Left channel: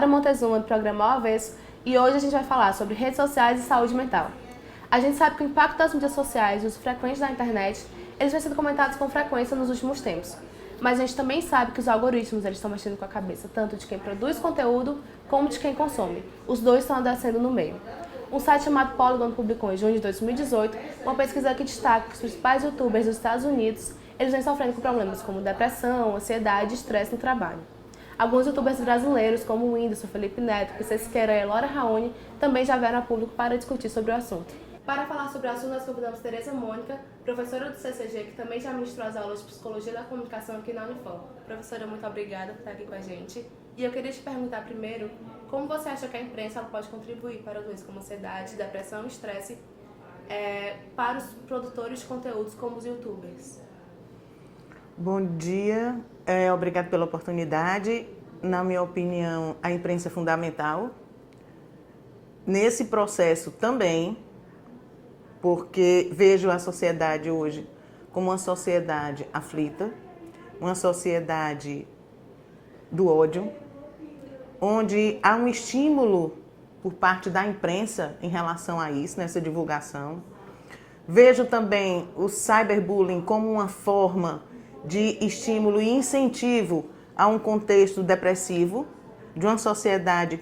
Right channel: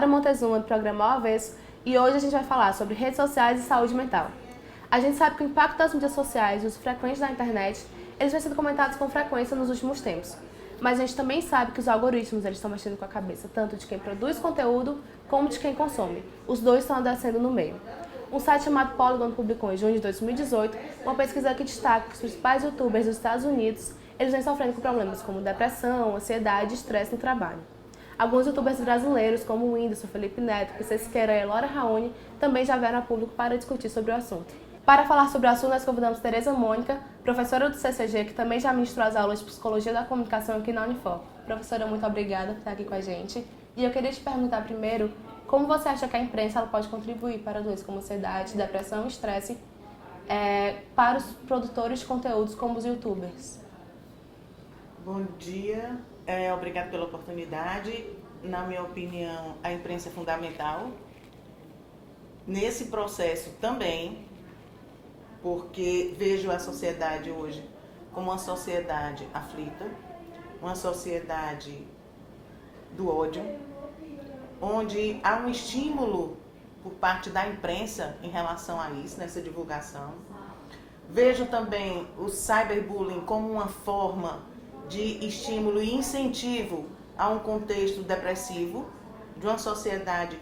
Lara Montezuma, do programa Ao Avesso, e hoje a gente vai falar sobre redes sociais e saúde mental. A gente sabe que o impacto das mídias sociais e o uso frequente da internet, eles vêm sendo comentados com frequência nos últimos tempos. Mas a gente também sabe que os algoritmos eles estão mexendo com a cabeça tanto de quem produz conteúdo como de quem consome. Os dois estão adoecendo no meio. Um site chamado Polygon publicou em junho de 2018 uma pesquisa que destaca que os principais youtubers dos Estados Unidos eles vêm sofrendo com problemas como depressão, ansiedade e estresse no trabalho. Alguns youtubers brasileiros, como o Whindersson, Felipe Neto, PC Siqueira e Laura Raoni, também já vieram a público para discutir sobre o assunto. Para falar sobre o assunto, nós convidamos Tereza Mônica, professora do CCG, que também já ministrou as aulas de Psicologia da Comunicação aqui na Unifor. Professora, muito obrigada por estar aqui com a gente. E eu queria te perguntar primeiro, como você acha que a imprensa ela pode contribuir para doenças como ansiedade, depressão e estresse para os produtores de conteúdos como os youtubers? Bom dia, obrigado pela oportunidade. Na minha opinião, a imprensa é fundamental nesse processo também, porque vejo a sociedade hoje como uma sociedade aflita, uma sociedade do ódio, onde há um estímulo por parte da imprensa em relação a isso, nessa divulgação. Vejo também o cyberbullying como uma forma de estímulo e incentivo a um contexto depressivo, de uma sociedade,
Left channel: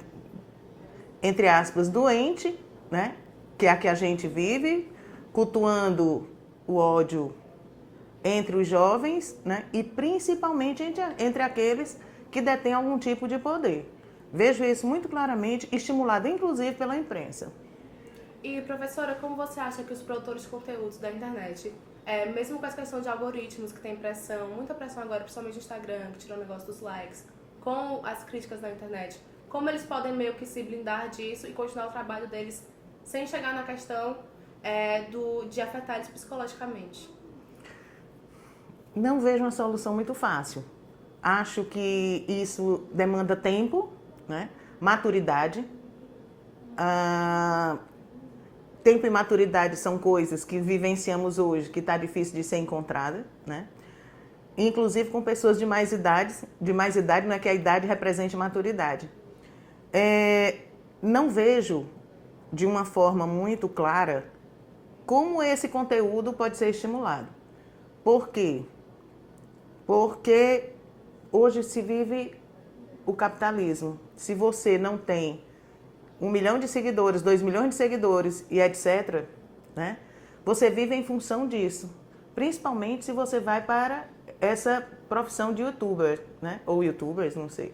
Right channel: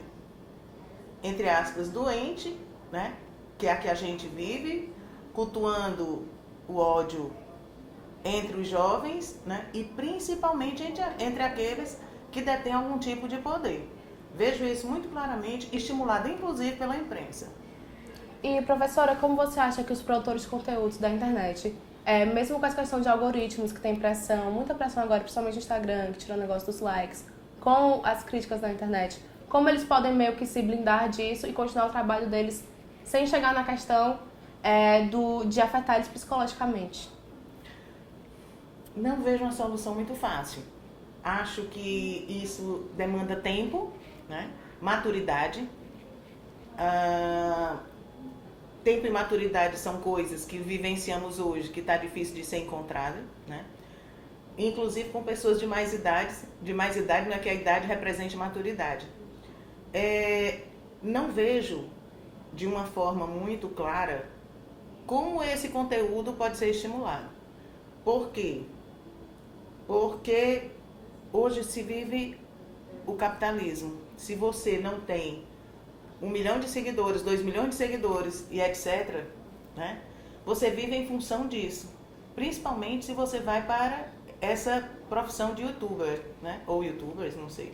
entre aspas, doente, né? Que é a que a gente vive, cultuando o ódio entre os jovens, né? E principalmente entre aqueles que detêm algum tipo de poder. Vejo isso muito claramente, estimulado inclusive pela imprensa. E, professora, como você acha que os produtores de conteúdos da internet, mesmo com essa questão de algoritmos que tem pressão, muita pressão agora, principalmente no Instagram, que tirou o negócio dos likes, com as críticas na internet, como eles podem meio que se blindar disso e continuar o trabalho deles sem chegar na questão de afetar eles psicologicamente? Não vejo uma solução muito fácil. Acho que isso demanda tempo, né? Maturidade. Tempo e maturidade são coisas que vivenciamos hoje, que está difícil de ser encontrada, né? Inclusive com pessoas de mais idade não é que a idade represente maturidade. Não vejo de uma forma muito clara como esse conteúdo pode ser estimulado. Por quê? Porque hoje se vive o capitalismo. Se você não tem 1 milhão de seguidores, 2 milhões de seguidores e etc., né? Você vive em função disso. Principalmente se você vai para essa profissão de youtuber, né? Ou youtubers, não sei.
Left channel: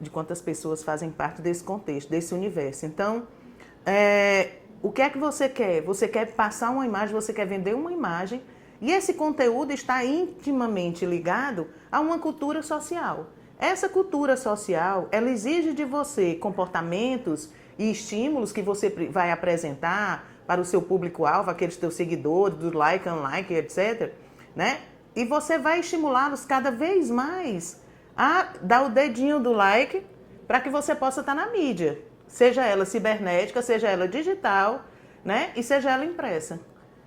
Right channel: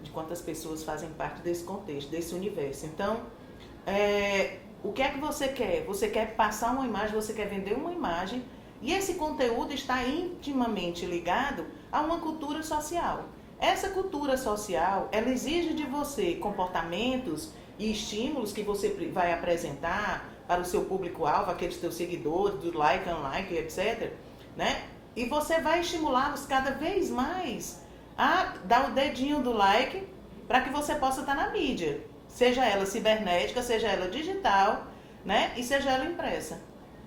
De quantas pessoas fazem parte desse contexto, desse universo. Então, o que é que você quer? Você quer passar uma imagem, você quer vender uma imagem, e esse conteúdo está intimamente ligado a uma cultura social. Essa cultura social, ela exige de você comportamentos e estímulos que você vai apresentar para o seu público-alvo, aqueles teus seguidores, do like, unlike, etc., né? E você vai estimulá-los cada vez mais a dar o dedinho do like para que você possa estar na mídia, seja ela cibernética, seja ela digital, né? E seja ela impressa.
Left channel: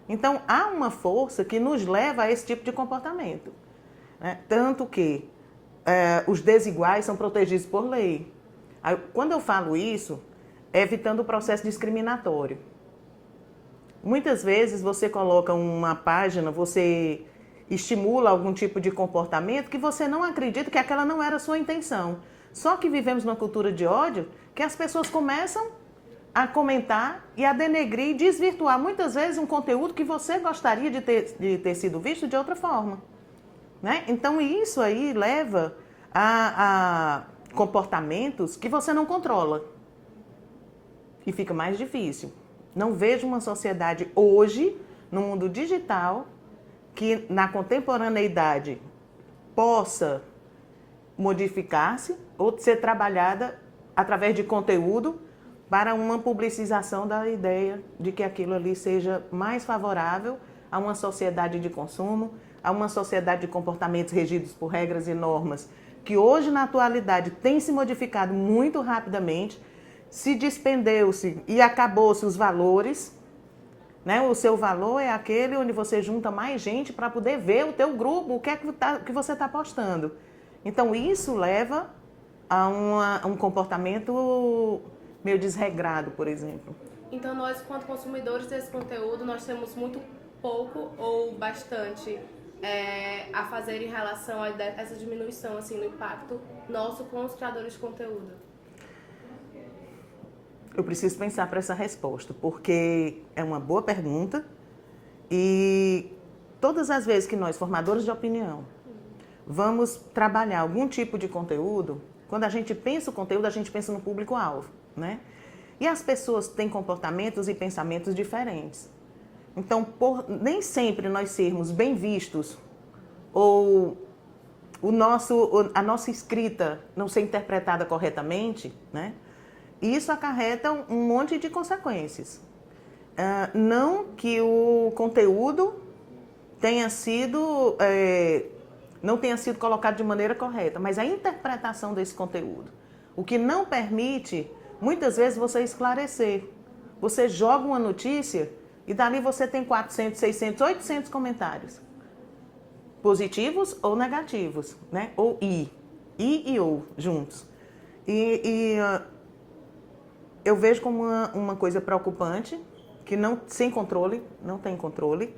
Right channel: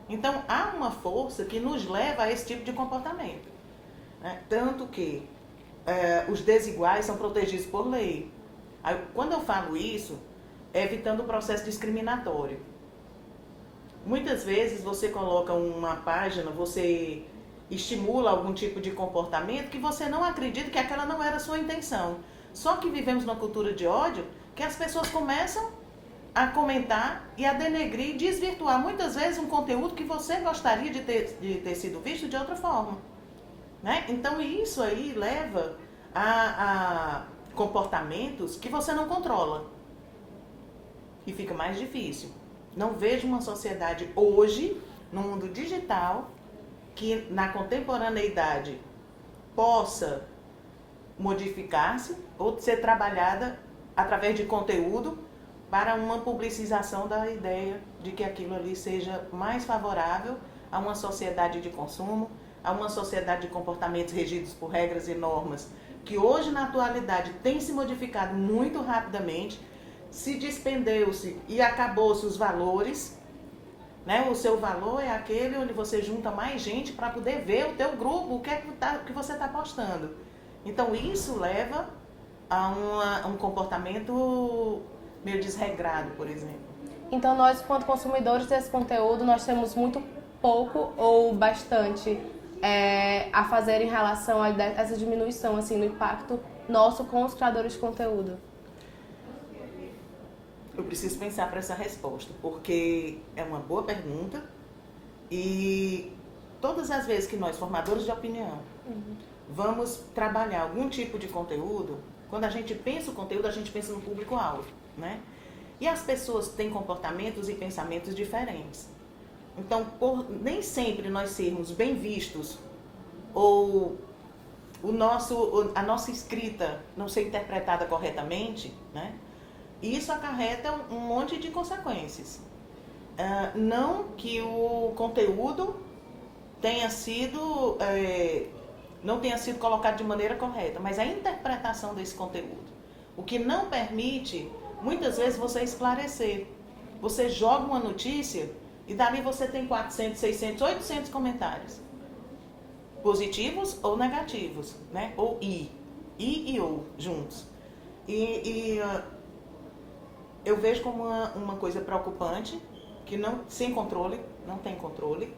Então, há uma força que nos leva a esse tipo de comportamento, né? Tanto que os desiguais são protegidos por lei. Quando eu falo isso, é evitando o processo discriminatório. Muitas vezes você coloca uma página, você estimula algum tipo de comportamento que você não acredita que aquela não era a sua intenção. Só que vivemos numa cultura de ódio que as pessoas começam a comentar e a denegrir e desvirtuar muitas vezes um conteúdo que você gostaria de ter sido visto de outra forma, né? Então isso aí leva a comportamentos que você não controla e fica mais difícil. Não vejo uma sociedade hoje, no mundo digital, que na contemporaneidade possa modificar-se ou ser trabalhada através de conteúdo para uma publicização da ideia de que aquilo ali seja mais favorável a uma sociedade de consumo, a uma sociedade de comportamentos regidos por regras e normas que hoje, na atualidade, tem se modificado muito rapidamente, se despendeu-se e acabou-se os valores, né? O seu valor é aquele onde você junta mais gente para poder ver o teu grupo, o que é que você está postando. Então, isso leva a um comportamento meio desregrado, por exemplo. Então, nós, quanto consumidores desse conteúdo, nós temos muito pouco ou bastante a fazer em relação a essa diminuição assim, no impacto nosso com os criadores de conteúdo? Eu preciso pensar para essa resposta, porque é uma boa pergunta e todas as vezes que nós, formadores de opinião, vamos trabalhar algum tipo de conteúdo, quando a gente pensa o conteúdo, a gente pensa no público-alvo, né? E as pessoas têm comportamentos e pensamentos diferentes. Então, por nem sempre nós sermos bem vistos ou a nossa escrita não ser interpretada corretamente, né? Isso acarreta um monte de consequências. Não que o conteúdo não tenha sido colocado de maneira correta, mas a interpretação desse conteúdo. O que não permite, muitas vezes, você esclarecer. Você joga uma notícia e dali você tem 400, 600, 800 comentários. Positivos ou negativos, né? Ou e ou, juntos. Eu vejo como uma coisa preocupante, que sem controle, não tem controle.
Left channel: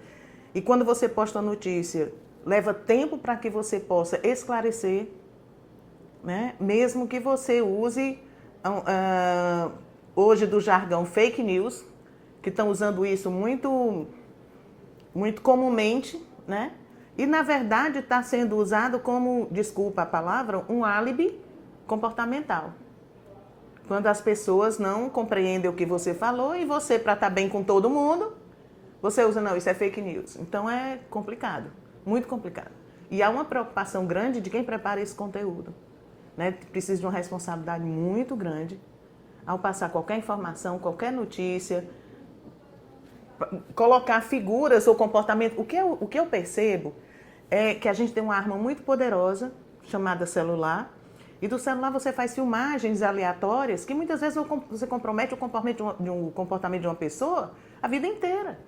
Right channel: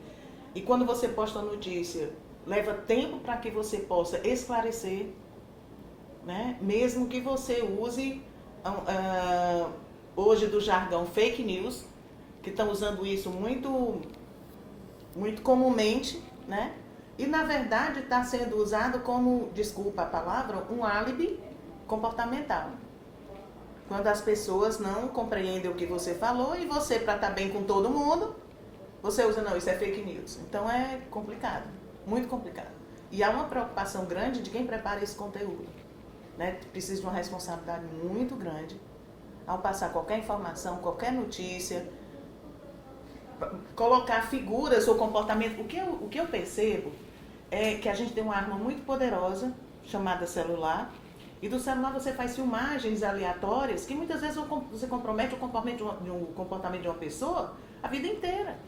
E quando você posta a notícia, leva tempo para que você possa esclarecer, né? Mesmo que você use hoje do jargão fake news, que estão usando isso muito, muito comumente, né? E na verdade está sendo usado como, desculpa a palavra, um álibi comportamental. Quando as pessoas não compreendem o que você falou e você, para estar bem com todo mundo, você usa, não, isso é fake news. Então é complicado, muito complicado. E há uma preocupação grande de quem prepara esse conteúdo, né? Precisa de uma responsabilidade muito grande ao passar qualquer informação, qualquer notícia, colocar figuras ou comportamento. O que eu percebo é que a gente tem uma arma muito poderosa, chamada celular, e do celular você faz filmagens aleatórias que muitas vezes você compromete o comportamento de uma pessoa a vida inteira.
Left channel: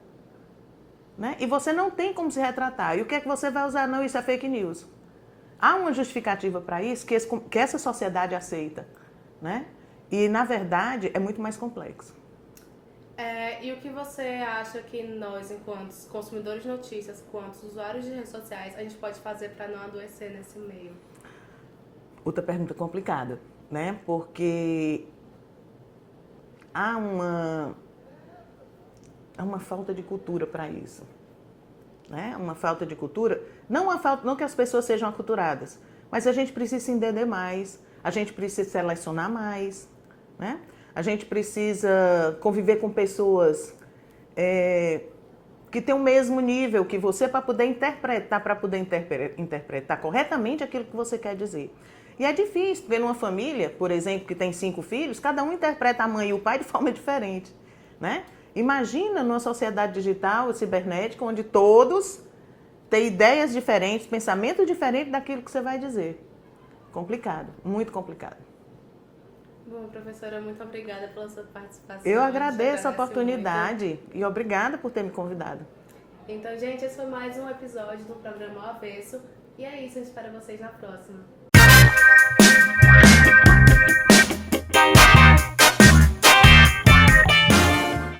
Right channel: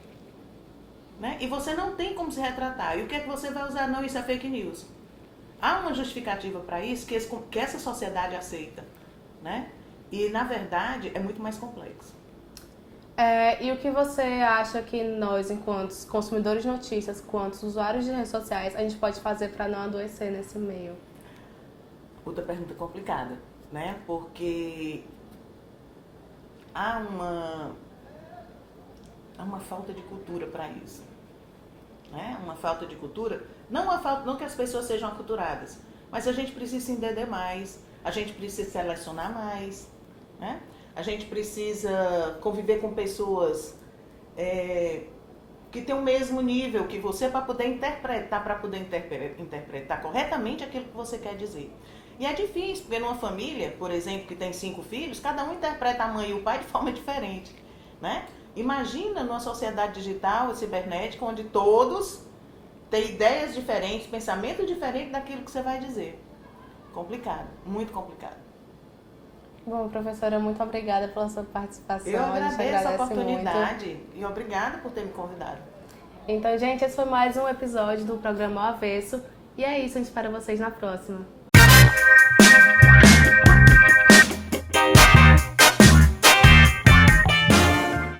Né? E você não tem como se retratar. E o que é que você vai usar? Não, isso é fake news. Há uma justificativa para isso que essa sociedade aceita. Né? E, na verdade, é muito mais complexo. E o que você acha que nós, enquanto consumidores de notícias, quanto usuários de redes sociais, a gente pode fazer para não adoecer nesse meio? Outra pergunta complicada, né? Porque há uma falta de cultura para isso, né? Uma falta de cultura, não que as pessoas sejam aculturadas, mas a gente precisa se entender mais, a gente precisa selecionar mais, né? A gente precisa conviver com pessoas que têm o mesmo nível que você para poder interpretar corretamente aquilo que você quer dizer. E é difícil, porque numa família, por exemplo, que tem 5 filhos, cada um interpreta a mãe e o pai de forma diferente, né? Imagina numa sociedade digital, cibernética, onde todos têm ideias diferentes, pensamento diferente daquilo que você vai dizer. Complicado, muito complicado. Bom, professora, muito obrigada pela sua participação. Eu agradeço a oportunidade e obrigada por ter me convidado. Então, gente, esse foi mais um episódio do programa Ao Avesso. E é isso, a gente espera vocês na próxima.